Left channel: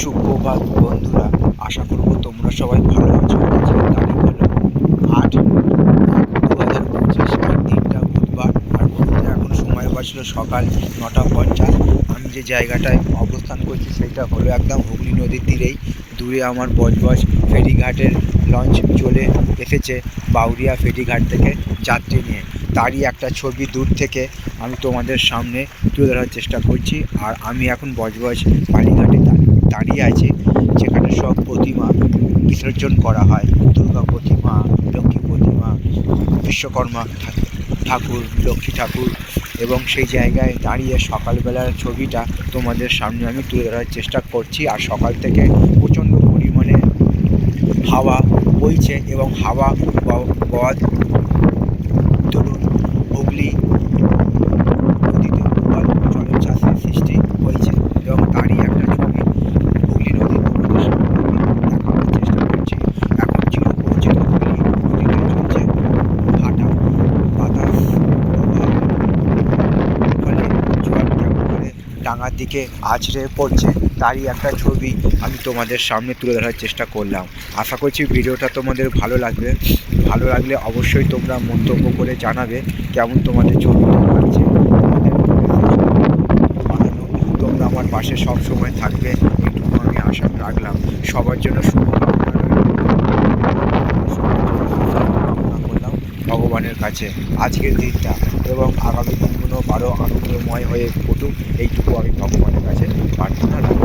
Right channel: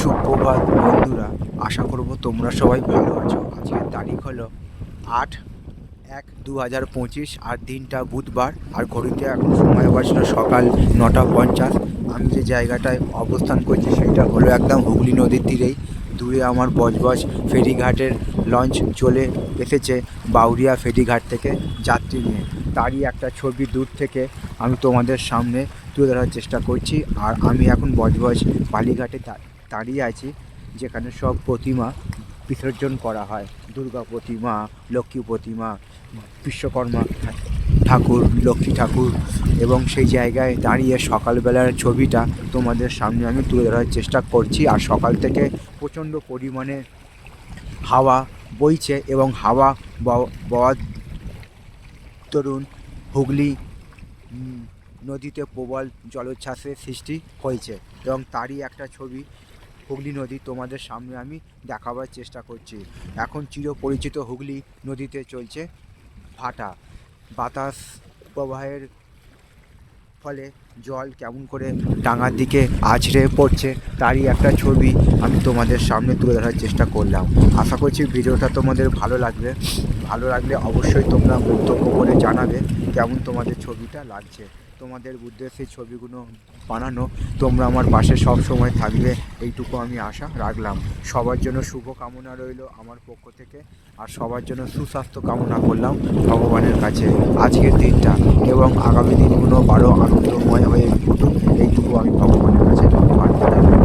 সুপ্রভাত বন্ধুরা, আশা করব তোমরা সবাই ভালো আছো। আজকের তারিখ হলো 8/1/2025 আর দিনটা বুধবার। আর ঘড়িতে এখন সময় বাজলো সকাল 9:50। আমি যে জায়গাটায় অবস্থান করছি সেটা হলো একদম হুগলি নদীর তীরেই। দূরে আমার বজবজ ফেরিঘাটের লঞ্চ চলে এসেছে বাউরিয়া ফেরিঘাট থেকে যাত্রী নিয়ে। তারই একটা ছবি দূর থেকে আমি তোমাদের সামনে তুলে ধরার চেষ্টা করছি। আর আমি এখন বজবজ বালিঘাটে দাঁড়িয়ে আছি, যেখানে সব প্রতিমা বিসর্জন করা হয়। দুর্গা প্রতিমা, লক্ষ্মী প্রতিমা, বিশ্বকর্মা ঠাকুর, লক্ষ্মী ঠাকুর। এবং সেই জায়গায় দাঁড়িয়ে সকালবেলার ছবিটা তোমাদের সামনে আমি তুলে ধরার চেষ্টা করছি। আর সকাল থেকে প্রচণ্ড পরিমাণে হাওয়া বইছে এবং হাওয়া বওয়ার দরুন হুগলি নদীতে প্রবল জলোচ্ছ্বাসের সৃষ্টি হয়েছে। এবং তারই একটা ছবি হুগলি নদী তোমাদের সামনে দেখাবার চেষ্টা করছি। এখন চিরপরিচিত হুগলি নদীতে চলছে ভাটা। বাতাস প্রবাহের ফলে জল কেমন করে ডাঙার দিকে আছড়ে পড়ছে, তারই একটা ছবি আমি তোমাদের সামনে তুলে ধরার চেষ্টা করলাম। আশা করছি ভিডিওটা তোমাদের ভালো লাগবে। ভালো লাগলে অবশ্যই তোমরা মন্তব্য করে জানাবে কেমন তোমাদের ছবিটা লাগছে। তোমাদের বানানো তোমরা আমার পাশে সব সময় থাকবে, এইটুকু আমি আশা রাখলাম। সবার জন্য শুভকামনা রইল, সবার জন্য সুস্বাস্থ্য কামনা করলাম ভগবানের কাছে আজকের দিনটা, এবং আগামী দিনগুলো আরও আনন্দময় হয়ে উঠুক, এইটুকু আমি ভগবানের কাছে প্রার্থনা রাখলাম।